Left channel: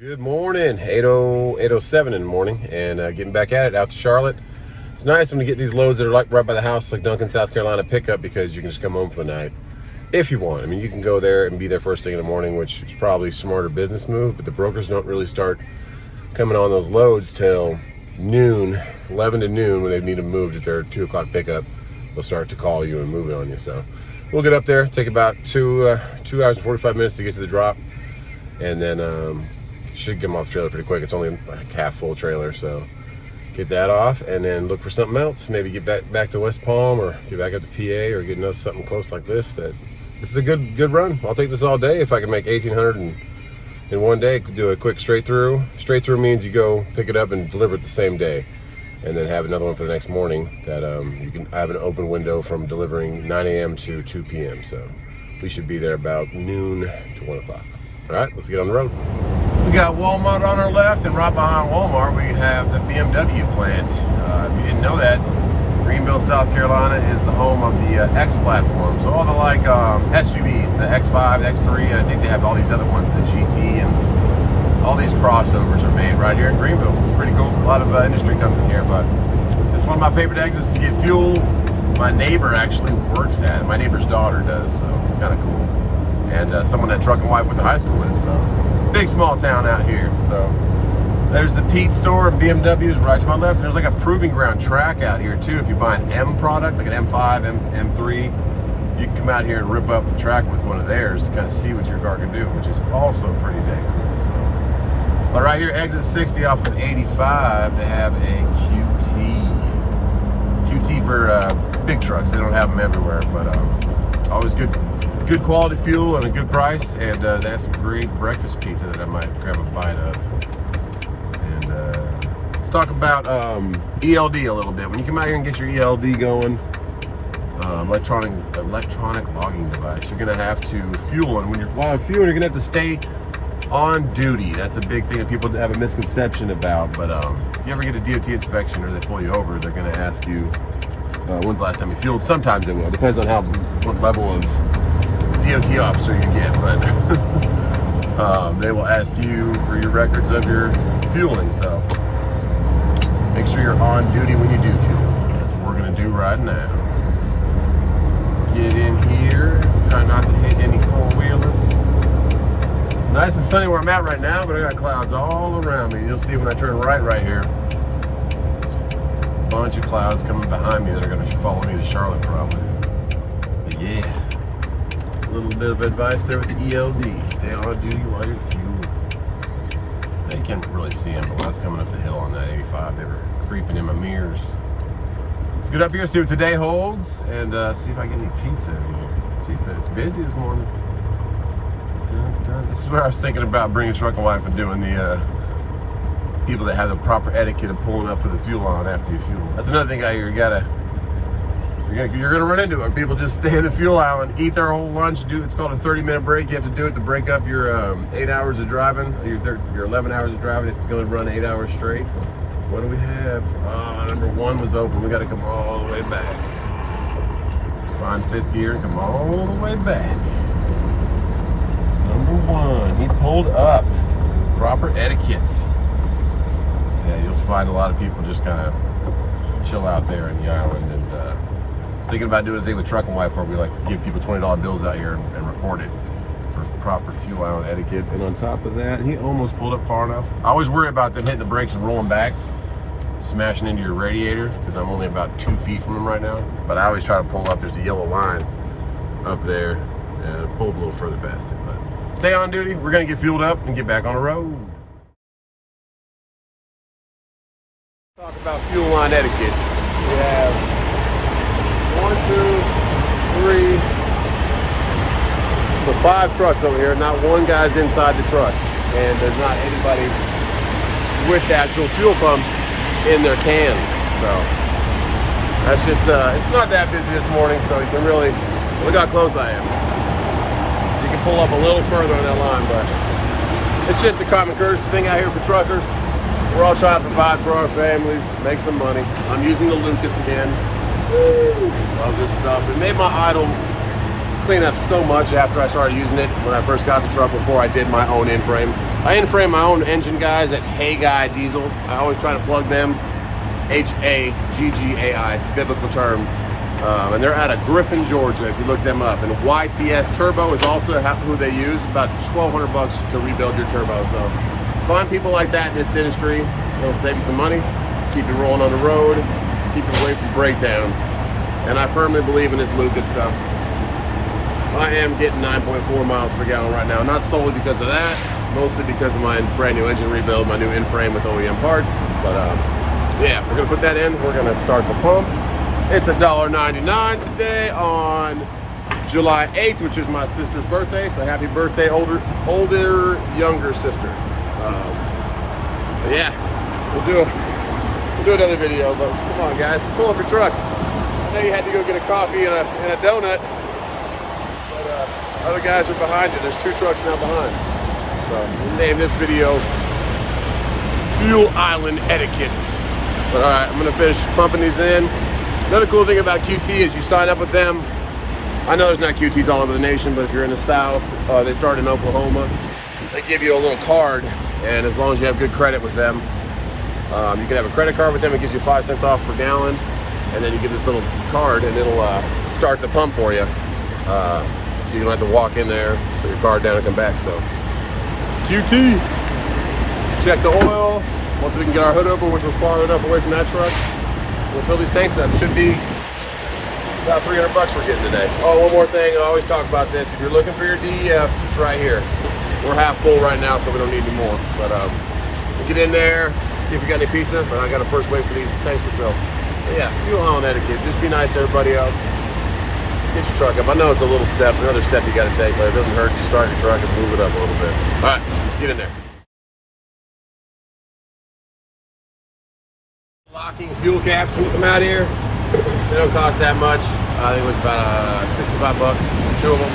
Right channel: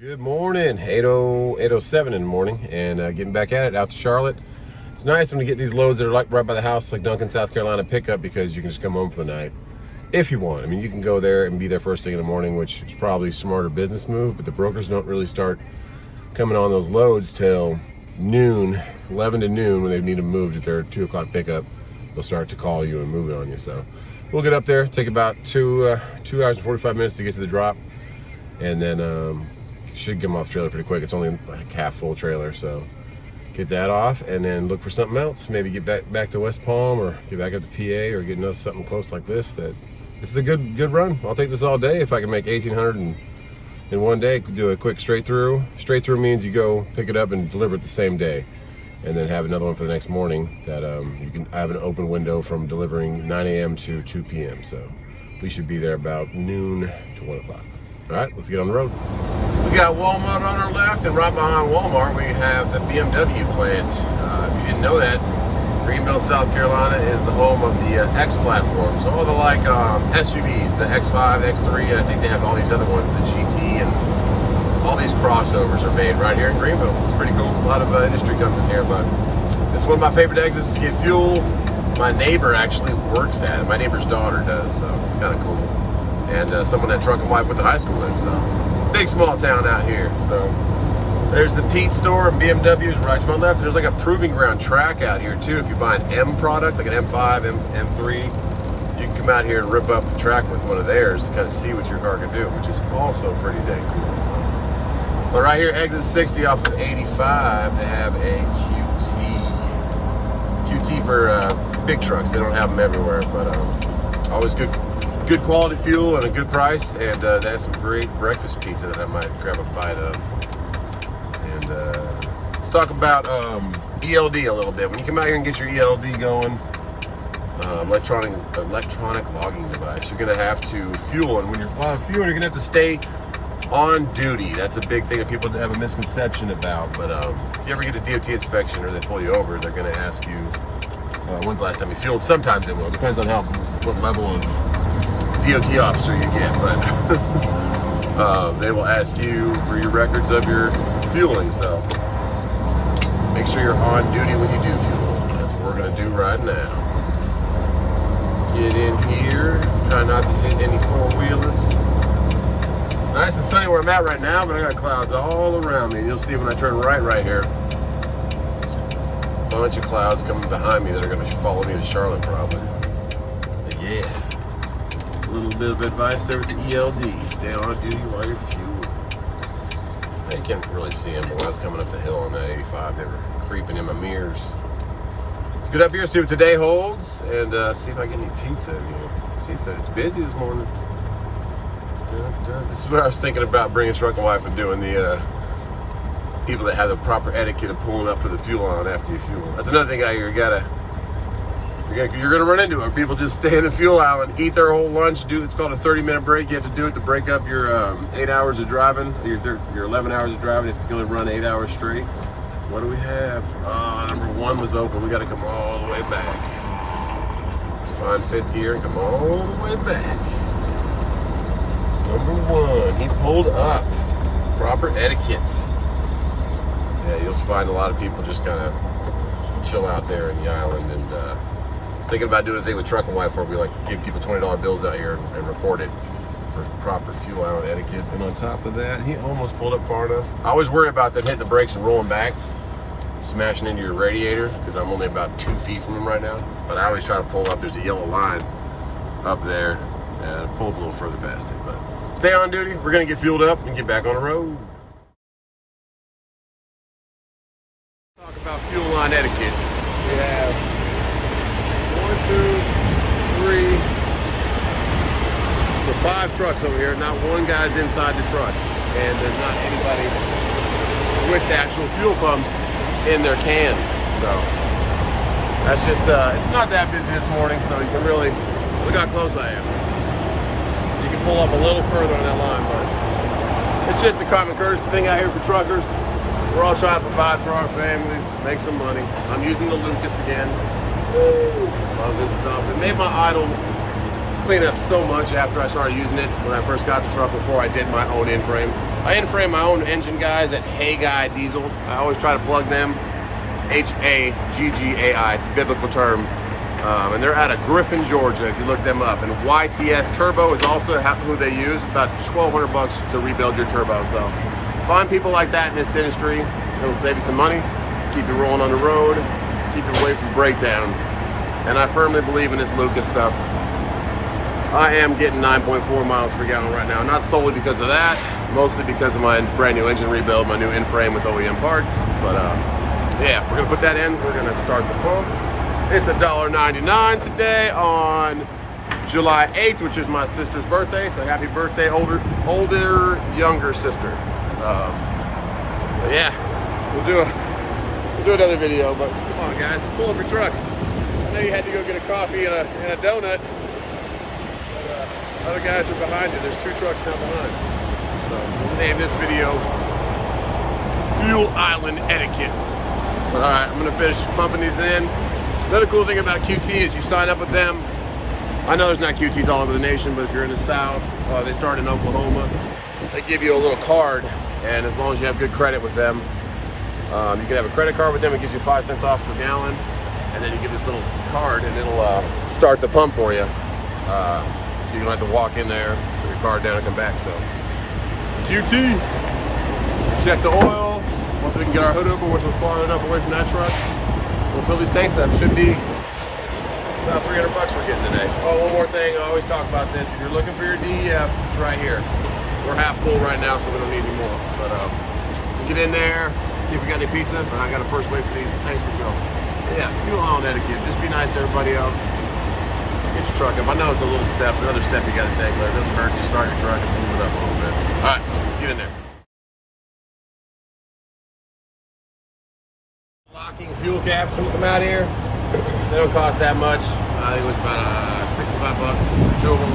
Good morning, 8:07 in the morning, and getting back at it out to Charlotte. It's nice when you get these loads that are like right by the house, like Duncan, South Carolina pickup, because you can just come home for the night if you want. I mean, you can go there and be there first thing in the morning, which is probably a smarter business move, but the brokers don't really start coming on those loads till noon, 11 to noon, when they need them moved at their 2 o'clock pickup. They'll start to call you and move it on you. So we'll get up there, take about 2 hours and 45 minutes to get to the drop, and then should get them off the trailer pretty quick. It's only like half full trailer, so get that off and then look for something else. Maybe get back to West Palm, or get back up to PA, or get another something close like this. This is a good run. I'll take this all day if I can make 1,800 in one day. Do a quick straight through. Straight through means you go pick it up and deliver it the same day, and then have another one for the next morning. That you can have an open window from delivering 9 a.m. to 2 p.m. So we should be there about noon to 1 o'clock. All right, let's get on the road. We got Walmart on our left, and right behind Walmart we have the BMW plant. If you didn't know that, Greenville, South Carolina is the home of the X platform. So all the like SUVs, the X5, the X3, and I think they have all these other ones, the GT, and all these crossovers are made right here in Greenville. It's pretty cool. A lot of industry comes in here, but it's one of my favorite exits to get fuel. My neighbor actually works at it. My neighbor's daughter does, so it's kind of cool. And someone that Truck and Wife went to high school with, so big small town out here. So there's the Pete store, BMW's right to my left. And there's like a proving ground track out here too. If you buy an M product, like an M5, M3, you can come out here and rip up the track with one of theirs to kind of see what your car can do, which is also pretty dang cool. So, but right here, exit 60 off of 85, they have a QT for big trucks. They don't have them everywhere, but always good quality fuel and a good price, and they have some great breakfast pizza that I might grab a bite of. And let's talk about ELD a little bit. When you come out here and get your ELD going, electronic logging device, you're gonna have to fuel, and while fueling, you're gonna have to stay on duty. That's a big thing that people have a misconception about. But if you ever get a DOT inspection or they pull you over, they're gonna ask you when's the last time you fueled. Sometimes they will. Depends on what level of DOT officer you get, but they will ask you for your records of your fueling, so make sure you're on duty when you do fuel. That's what we're gonna do right now. Get in here, try not to hit any four-wheelers. Nice and sunny where I'm at right now, but I got clouds all around me. You'll see when I turn right here, a bunch of clouds coming behind me that are gonna follow me to Charlotte probably. But yeah. A little bit of advice there with the ELD. Stay on duty while you're fueling. Now, you can't really see them, but when I was coming up the hill on that 85, they were creeping in my mirrors. Let's get up here, see what today holds, and see if I get any pizza in here. See if it's busy this morning. This is what I was thinking about bringing Truck and Wife and doing the people that have the proper etiquette of pulling up for the fuel on after you fuel. That's another thing out here. You're gonna run into it. People just stay in the fuel aisle and eat their whole lunch. It's called a 30-minute break. You have to do it to break up your 8 hours of driving, your 11 hours of driving. It's gonna run 8 hours straight. What do we have? Number 1 was open. We got to come all the way back. Let's find 5th gear and come all the way back. Number 1, he pulled up. Proper etiquette. Yeah, you'll find a lot of people just kind of chill out there in the island, and thinking about doing a thing with Truck and Wife where we like give people $20 bills out here and record it for proper fuel island etiquette. And on top of that, he almost pulled up far enough. I always worry about them hitting the brakes and rolling back, smashing into your radiator, because I'm only about 2 feet from him right now. But I always try to pull up. There's a yellow line up there, and pull up a little further past it. But stay on duty. We're gonna get fueled up and get back on the road. Talk about fuel line etiquette. We have 1, 2, 3, so 5 trucks over here. Not one guy's inside the truck, and there's not anybody with the actual fuel pumps in their cans. So that's just it's not that busy this morning, so you can really look how close I am. You can pull up a little further on that line, but it's just a common courtesy thing out here for truckers. We're all trying to provide for our families, make some money. I'm using the Lucas again. Woo, love this stuff. It made my idle clean up so much after I started using it when I first got the truck before I did my own in-frame. I in-frame my own engine guys at Hey Guy Diesel. I always try to plug them. H-A-G-G-A-I, it's a biblical term. And they're out of Griffin, Georgia, if you look them up. And YTS Turbo is also who they use, about $1,200 to rebuild your turbo. So find people like that in this industry. It'll save you some money, keep you rolling on the road, keep you away from breakdowns. And I firmly believe in this Lucas stuff. I am getting 9.4 miles per gallon right now, not solely because of that, mostly because of my brand new engine rebuild, my new in-frame with OEM parts. But yeah, we're gonna put that in. We're gonna start the pump. It's $1.99 today on July 8th, which is my sister's birthday. So happy birthday, older, younger sister. But yeah, we'll do another video. But come on, guys, pull up your trucks. I know you had to go get a coffee and a donut, but other guys are behind you. There's 2 trucks now behind. So we'll name this video Fuel Island Etiquette. But all right, I'm gonna finish pumping these in. Another cool thing about QT is you sign up with them. I know there's not QTs all over the nation, but if you're in the South, they start in Oklahoma. They give you a little card, and as long as you have good credit with them, you can have a credit card with them. It gives you 5 cents off per gallon, and then you get this little card, and it'll start the pump for you. So you don't have to walk in there, put your card down, and come back. So QT, check the oil. Once we can get our hood open, once we're far enough away from that truck, we'll fill these tanks up. Should be about $300 we're getting today. Oh, one more thing. I always talk about this. If you're looking for your DEF, it's right here. We're half full right now, so we don't need any more. But we'll get in there, see if we got any pizza. But I got to first wait for these tanks to fill. But yeah, fuel island etiquette. Just be nice to everybody else. Get your truck up. I know it's a little step, another step you got to take, but it doesn't hurt to start your truck and move it up a little bit. All right, let's get in there. Locking fuel caps when you come out here. They don't cost that much. I think it was about 65 bucks, 2 of them.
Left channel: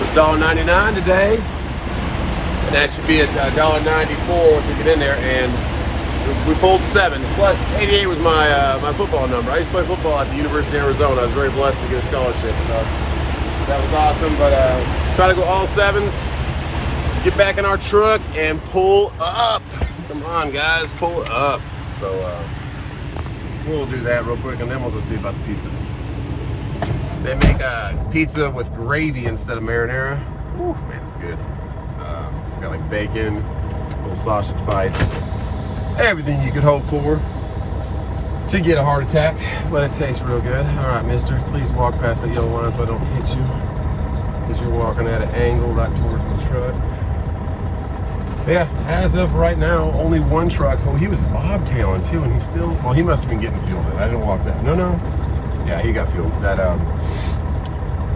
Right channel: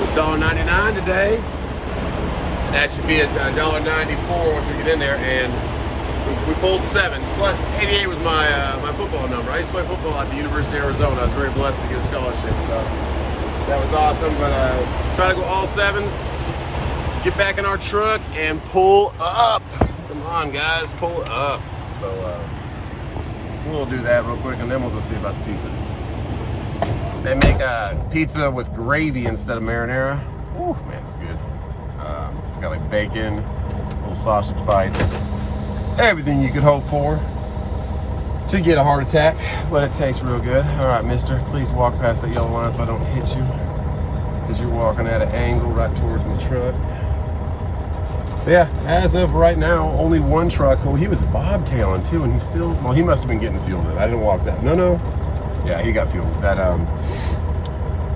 It's $1.99 today, and that should be $1.94 once we get in there. And we pulled 7s. Plus 88 was my football number. I used to play football at the University of Arizona. I was very blessed to get a scholarship, so that was awesome. But try to go all 7s. Get back in our truck and pull up. Come on, guys, pull up. So we'll do that real quick, and then we'll go see about the pizza. They make a pizza with gravy instead of marinara. Ooh, man, it's good. It's got like bacon, little sausage bites, everything you could hope for to get a heart attack, but it tastes real good. All right, mister, please walk past that yellow line so I don't hit you, because you're walking at an angle right towards my truck. Yeah, as of right now, only 1 truck. Well, he was bobtailing too, and he's still, well, he must have been getting fuel. I didn't walk that. No. Yeah, he got fuel. That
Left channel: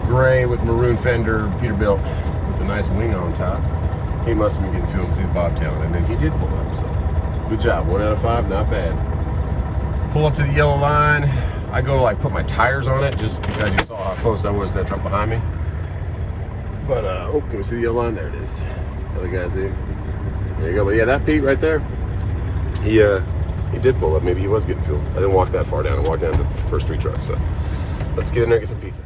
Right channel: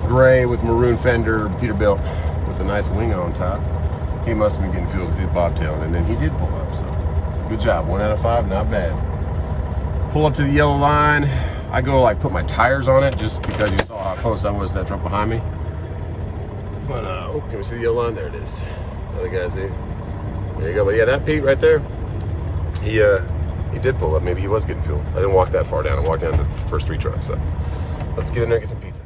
gray with maroon fender Peterbilt with a nice wing on top. He must have been getting fuel because he's bobtailing, and then he did pull up, so good job. 1 out of 5, not bad. Pull up to the yellow line. I go like put my tires on it just because you saw how close I was to that truck behind me. But, oh, can we see the yellow line? There it is. Other guys see. There you go. But yeah, that Pete right there, he did pull up. Maybe he was getting fuel. I didn't walk that far down. I walked down to the first 3 trucks. So let's get in there and get some pizza.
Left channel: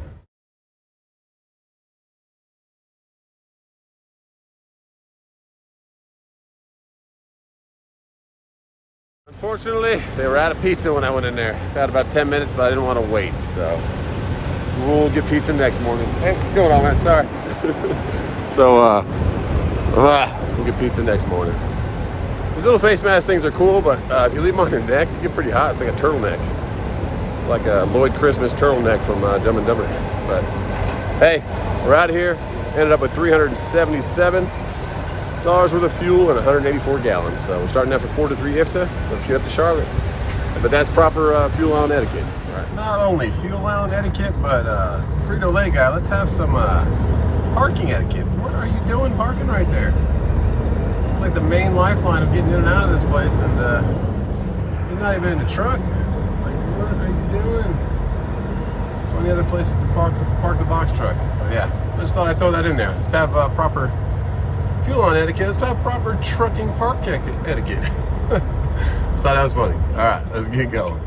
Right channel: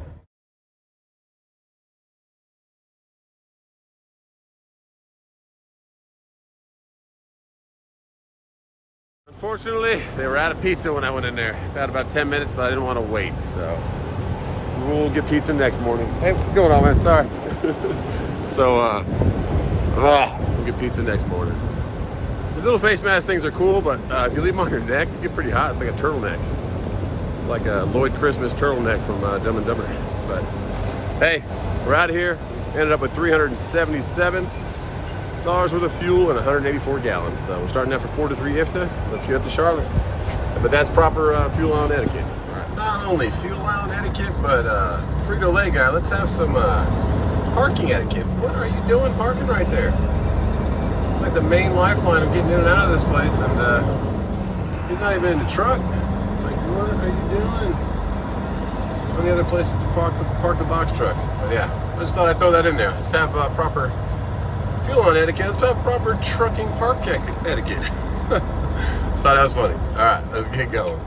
Unfortunately, they were out of pizza when I went in there. Got about 10 minutes, but I didn't want to wait. So we'll get pizza next morning. Hey, what's going on, man? Sorry. So, we'll get pizza next morning. These little face mask things are cool, but if you leave them on your neck, you get pretty hot. It's like a turtleneck. It's like a Lloyd Christmas turtleneck from Dumb and Dumber. But hey, we're out of here. Ended up with $377 worth of fuel and 184 gallons. So we're starting that for Q3 IFTA. Let's get up to Charlotte. But that's proper fuel island etiquette. All right. Not only fuel island etiquette, but Frito-Lay guy, let's have some parking etiquette. What are you doing parking right there? It's like the main lifeline of getting in and out of this place, and he's not even in the truck. Like, what are you doing? There's plenty of other places to park the box truck. But yeah, I just thought I'd throw that in there. Let's have proper fuel on etiquette. Let's have proper trucking park etiquette. So that was funny. All right, let's get going.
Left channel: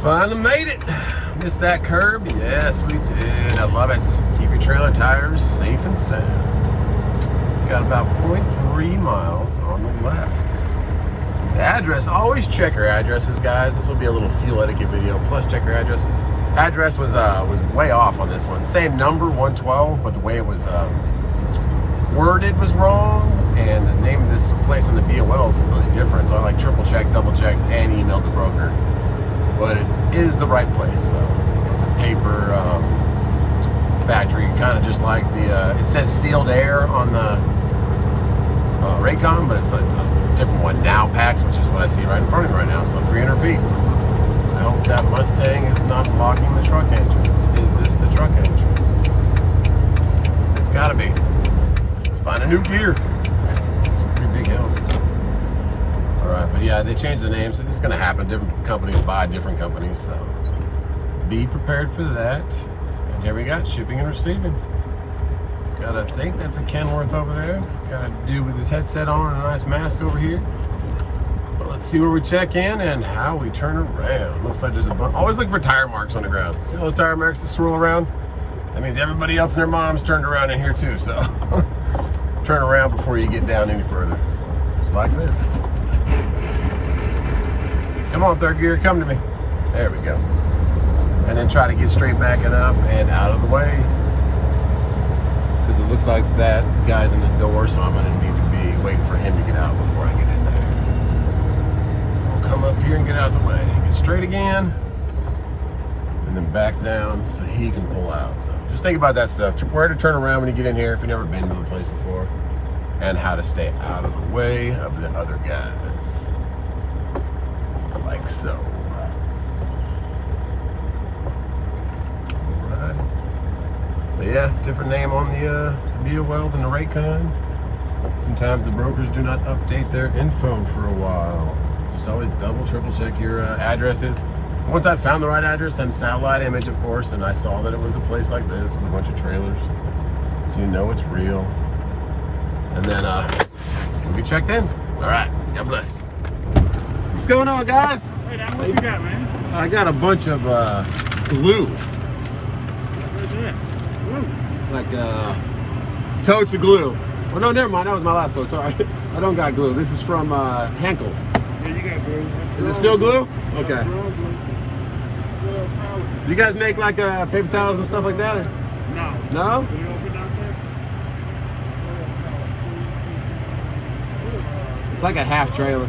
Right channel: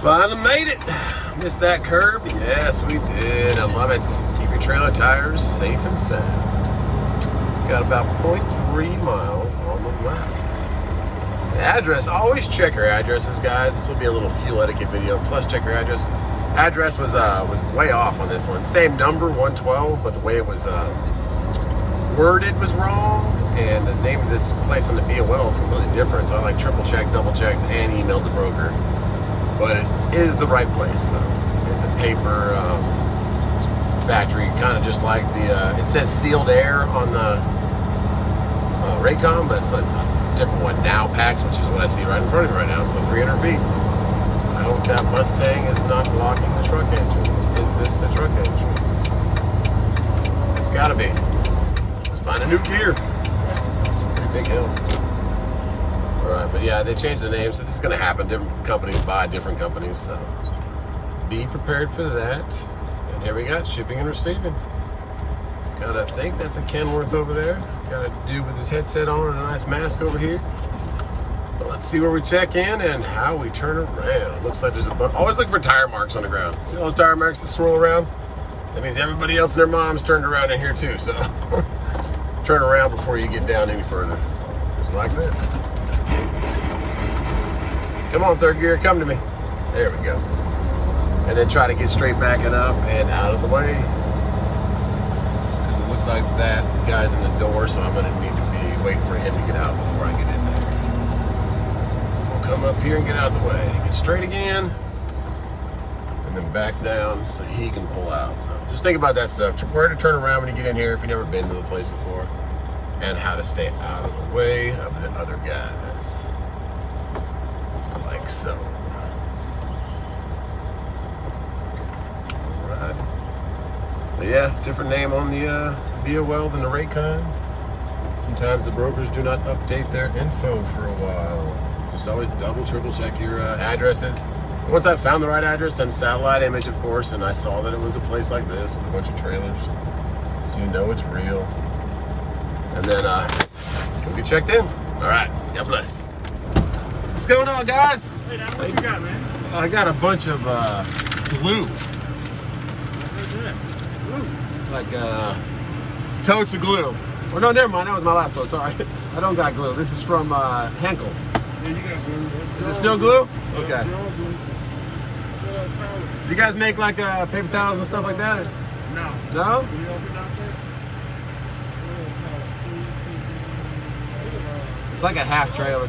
Finally made it. Missed that curb? Yes, we did. I love it. Keep your trailer tires safe and sound. Got about 0.3 miles on the left. Address, always check your addresses, guys. This will be a little fuel etiquette video. Plus, check your addresses. Address was way off on this one. Same number, 112, but the way it was worded was wrong, and the name of this place on the BOL is completely different. So I like triple checked, double checked, and emailed the broker. But it is the right place. It's a paper factory, kind of just like the. It says sealed air on the Raycon, but it's a different one now. PAX, which is what I see right in front of me right now. So 300 feet. I hope that Mustang is not blocking the truck entrance. Is this the truck entrance? It's got to be. Let's find a new gear. Pretty big hills. Alright, but yeah, they changed the name, so this is going to happen. Different companies buy different companies, so be prepared for that. And here we got shipping and receiving. I think that's a Kenworth over there. Got a dude with his headset on and a nice mask over here. But let's see where we check in and how we turn around. Looks like there's a bunch. Always look for tire marks on the ground. See all those tire marks that swirl around? That means everybody else and their mom's turned around in here too, so turn around before you get down any further. Just like this. Come on, third gear, come to me. There we go. And then try to get straight backing up and out of the way. Because it looks like that guy's in the door, so I'm going to need to be waiting for him to get out before I get in there. So we'll come up here and get out of the way. Get straight again. And then back down so he can pull out. So just think about that stuff. Where to turn around when you get in here if you've never been to the place before. And how to stay out of the way of the other guys. Like so. Alright. But yeah, different name on the BOL than the Raycon. Sometimes the brokers do not update their info for a while. Just always double, triple check your addresses. Once I found the right address, then satellite image, of course, and I saw that it was a place like this with a bunch of trailers. So you know it's real. And then we'll get checked in. Alright, God bless. What's going on, guys? Hey, Dad, what you got, man? I got a bunch of glue. Where's that? Glue? Like totes of glue. Oh no, never mind. That was my last one. Sorry, I don't got glue. This is from Henkel. Yeah, you got glue. Is it still glue? Yeah, Okay. glue. You guys make like paper towels and stuff like that? Or? No. No? Will you open downstairs? It's like a half trailer.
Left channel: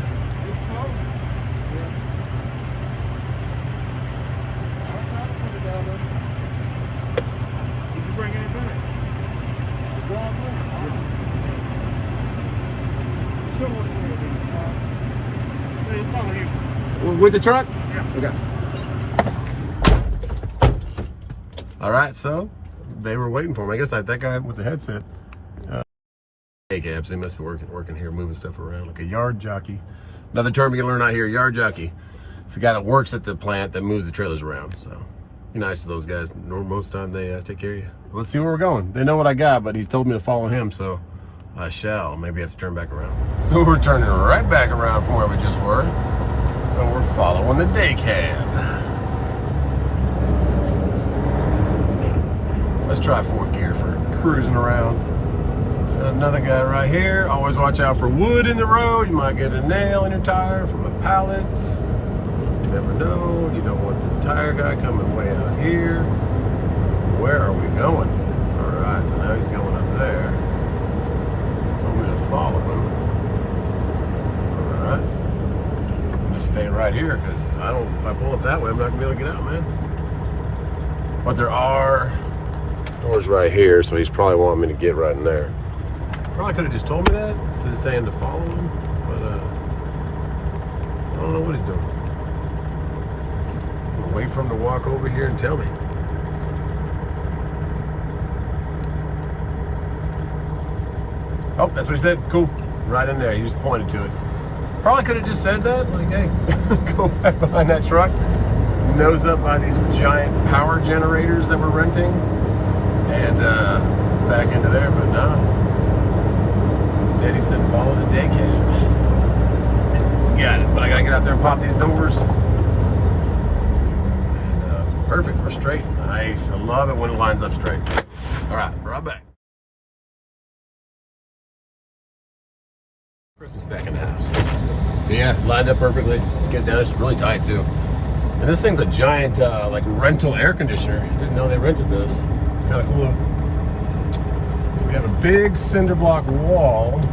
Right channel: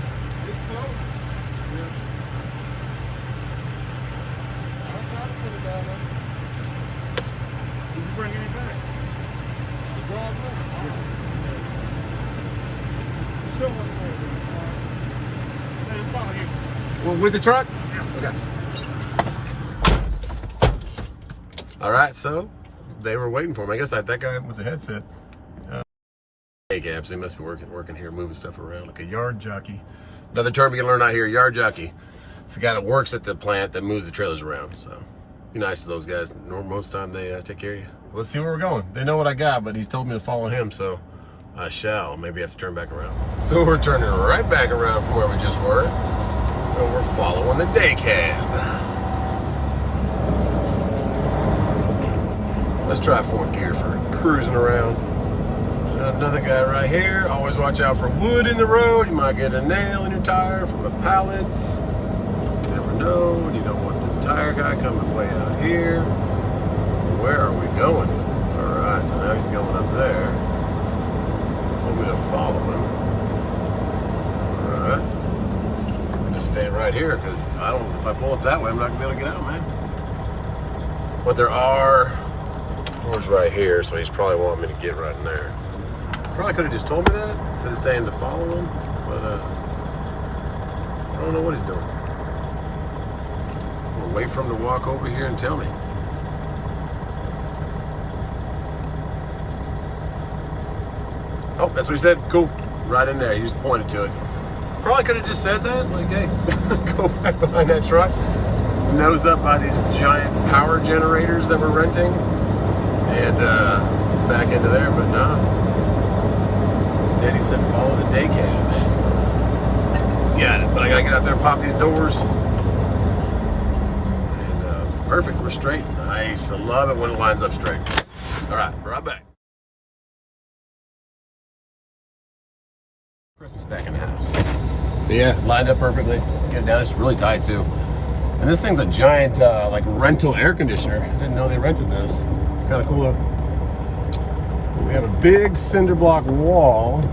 With the truck? Yeah. Okay. All right, so they were waiting for me. I guess that guy with the headset. Cabs, they must be working here, moving stuff around like a yard jockey. Another term you can learn out here, yard jockey. It's the guy that works at the plant that moves the trailers around. So be nice to those guys. Most time they take care of you. But let's see where we're going. They know what I got, but he's told me to follow him, so I shall. Maybe I have to turn back around. So we're turning right back around from where we just were. And we're following the day cab. Let's try fourth gear for cruising around. Another guy right here. Always watch out for wood in the road. You might get a nail in your tire from the pallets. You never know. You don't want the tire guy coming way out here. Where are we going? All right, so now he's going up there. Told me to follow him. All right. I'm gonna stay right here because if I pull up that way, I'm not gonna be able to get out, man. But there are doors right here, so he's probably wanting me to get right in there. Probably could have just told me that instead of saying to follow him, but I don't know what he's doing. I'm gonna wait for him to walk over here and tell me. Oh, that's what he said. Cool. Right in there. He just pointed to it. Probably could have just said that. Like, hey, go back behind that truck. Nose up by these giant power generators that we're renting. And back into there, but nah. Instead, he said follow the day cab. So, got it. But I gotta get out there and pop these doors. Perfect, we're straight. Nice, I love it when it lines up straight. All right, right back. Christmas back in the house. Yeah, lined up perfectly. Let's get it down. It's really tight too. And this thing's a giant like rental air conditioner. I didn't know they rented those. It's kind of cool. We have a big cinder block wall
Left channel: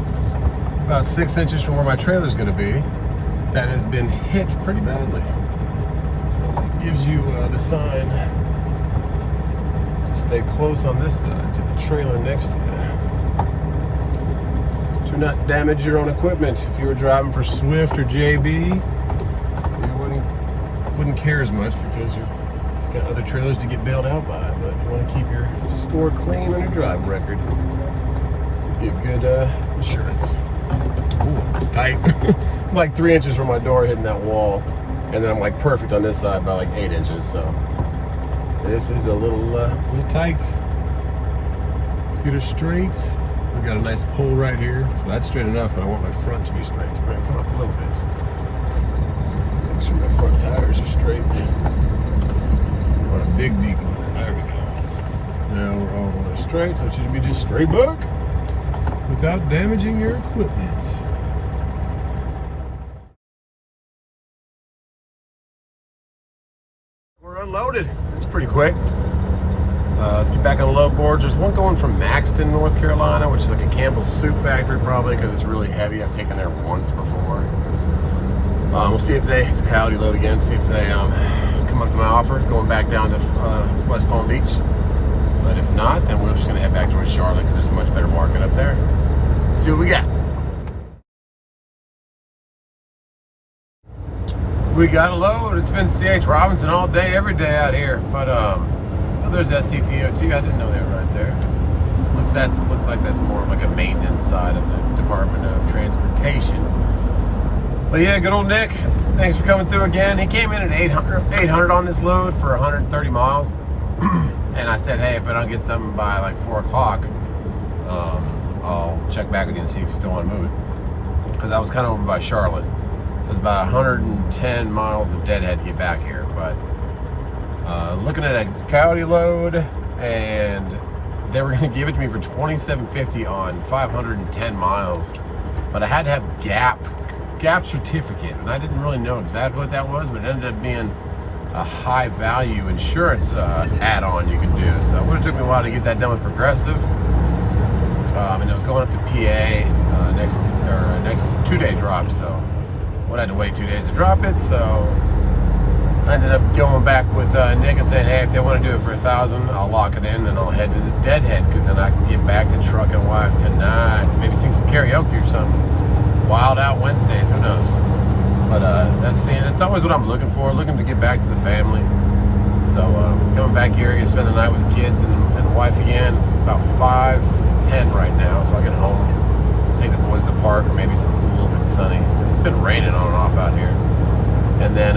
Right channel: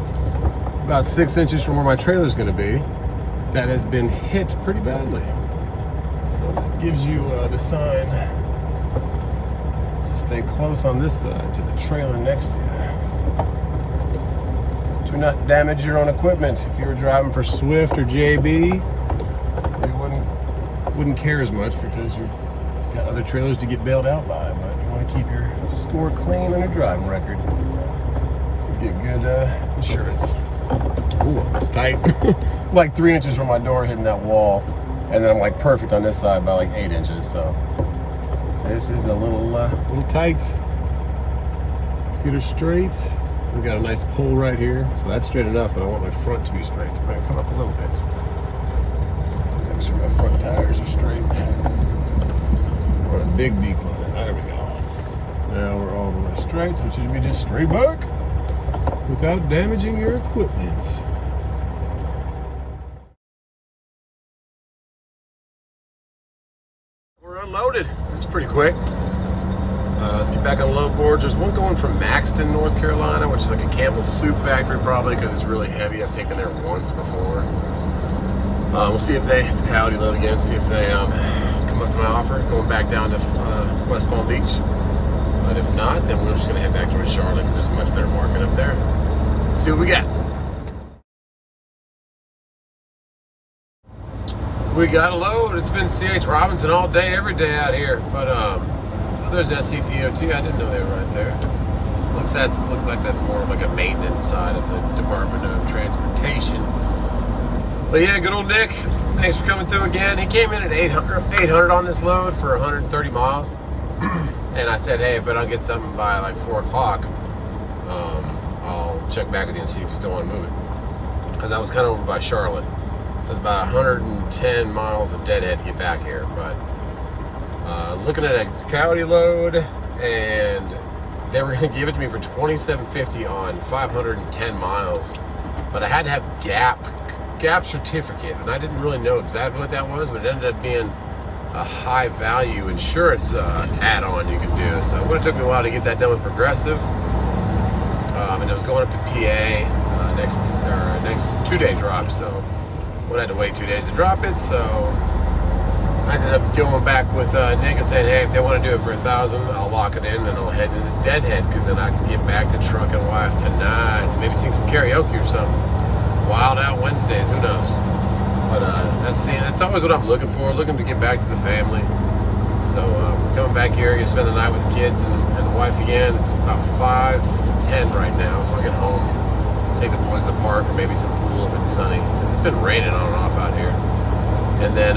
about 6 inches from where my trailer's going to be that has been hit pretty badly. So that gives you the sign to stay close on this side to the trailer next to you. Do not damage your own equipment. If you were driving for Swift or JB, you wouldn't care as much because you've got other trailers to get bailed out by, but you want to keep your score clean on your driving record so you get good insurance. Ooh, it's tight. Like 3 inches from my door hitting that wall, and then I'm like perfect on this side by like 8 inches, so this is a little tight. Let's get her straight. We've got a nice pull right here, so that's straight enough, but I want my front to be straight. So I'm gonna come up a little bit. Make sure my front tires are straight. On a big decline, there we go. Now we're all the way straight, so it should be just straight back without damaging your equipment. We're unloaded. It's pretty quick. Let's get back on the load board. There's one going from Maxton, North Carolina, which is like a Campbell's soup factory probably because it's really heavy. I've taken there once before. We'll see if it's a coyote load again, see if they come up to my offer, going back down to West Palm Beach. But if not, then we're just gonna head back towards Charlotte because there's a much better market up there. Let's see what we got. We got a load. It's been C.H. Robinson all day, every day out here. But there's SCDOT. I didn't know they were right there. Looks like that's more of like a maintenance side of the Department of Transportation. But yeah, good old Nick. Thanks for coming through again. He came in at 800 on this load for 130 miles. And I said, hey, if I don't get something by like 4 o'clock, I'll check back with you and see if you still want to move it. Because I was kind of over by Charlotte. So it's about 110 miles of deadhead to get back here. But looking at a coyote load, and they were going to give it to me for $27.50 on 510 miles. But I had to have gap certificate, and I didn't really know exactly what that was, but it ended up being a high value insurance add-on you can do. So it would have took me a while to get that done with Progressive. And it was going up to PA next 2-day drop, so I had to wait 2 days to drop it. So I ended up going back with Nick and saying, hey, if they want to do it for $1,000, I'll lock it in and I'll head to the deadhead, because then I can get back to Truck and Wife tonight and maybe sing some karaoke or something. Wild Out Wednesdays, who knows? But that's always what I'm looking for, looking to get back to the family. So coming back here, gonna spend the night with the kids and the wife again. It's about 5:10 right now, so I get home, take the boys to the park or maybe some pool if it's sunny, because it's been raining on and off out here. And then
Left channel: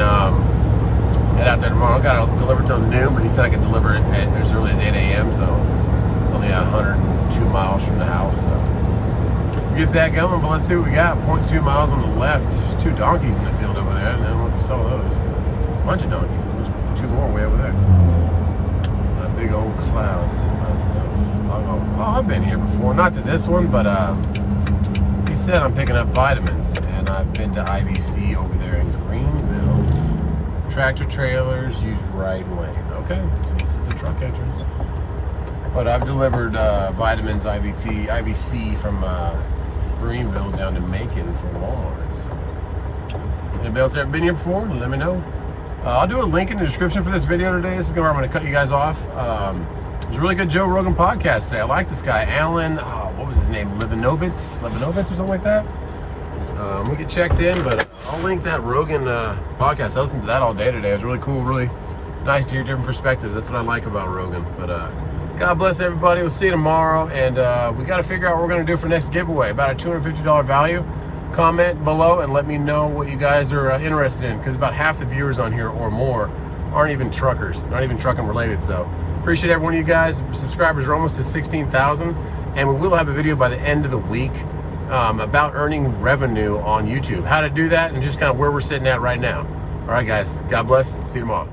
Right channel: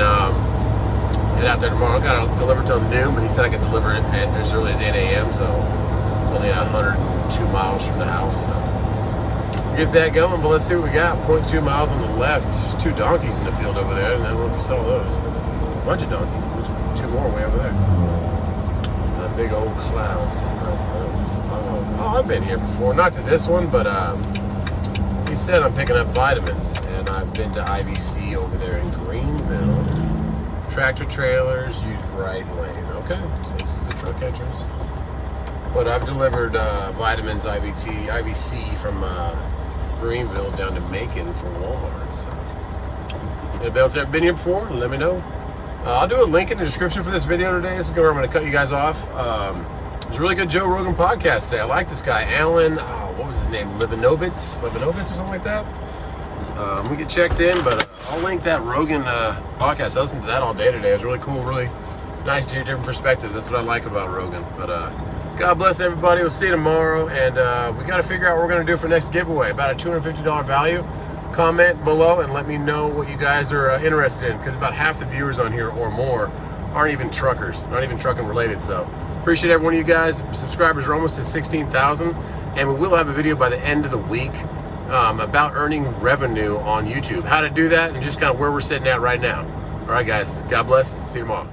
head out there tomorrow. I got to deliver till noon, but he said I could deliver it as early as 8 a.m. So it's only 102 miles from the house. So get that going, but let's see what we got. 0.2 miles on the left. There's 2 donkeys in the field over there, and I don't know if you saw those. A bunch of donkeys. 2 more way over there. A big old cloud sitting by itself. I'll go, oh, I've been here before. Not to this one, but he said I'm picking up vitamins, and I've been to IVC over there in Greenville. Tractor trailers, use right lane. Okay, so this is the truck entrance. But I've delivered vitamins, IVC from Greenville down to Macon for Walmart. So, anybody else ever been here before? Let me know. I'll do a link in the description for this video today. This is where I'm going to cut you guys off. There's a really good Joe Rogan podcast today. I like this guy, Alan. What was his name? Levinovitz or something like that. We get checked in, but I'll link that Rogan podcast. I listened to that all day today. It was really cool, really nice to hear different perspectives. That's what I like about Rogan. But God bless everybody. We'll see you tomorrow, and we got to figure out what we're going to do for next giveaway. About a $250 value. Comment below and let me know what you guys are interested in, because about half the viewers on here or more aren't even truckers, aren't even trucking related. So appreciate every one of you guys. Subscribers are almost to 16,000, and we will have a video by the end of the week about earning revenue on YouTube, how to do that, and just kind of where we're sitting at right now. All right, guys. God bless. See you tomorrow.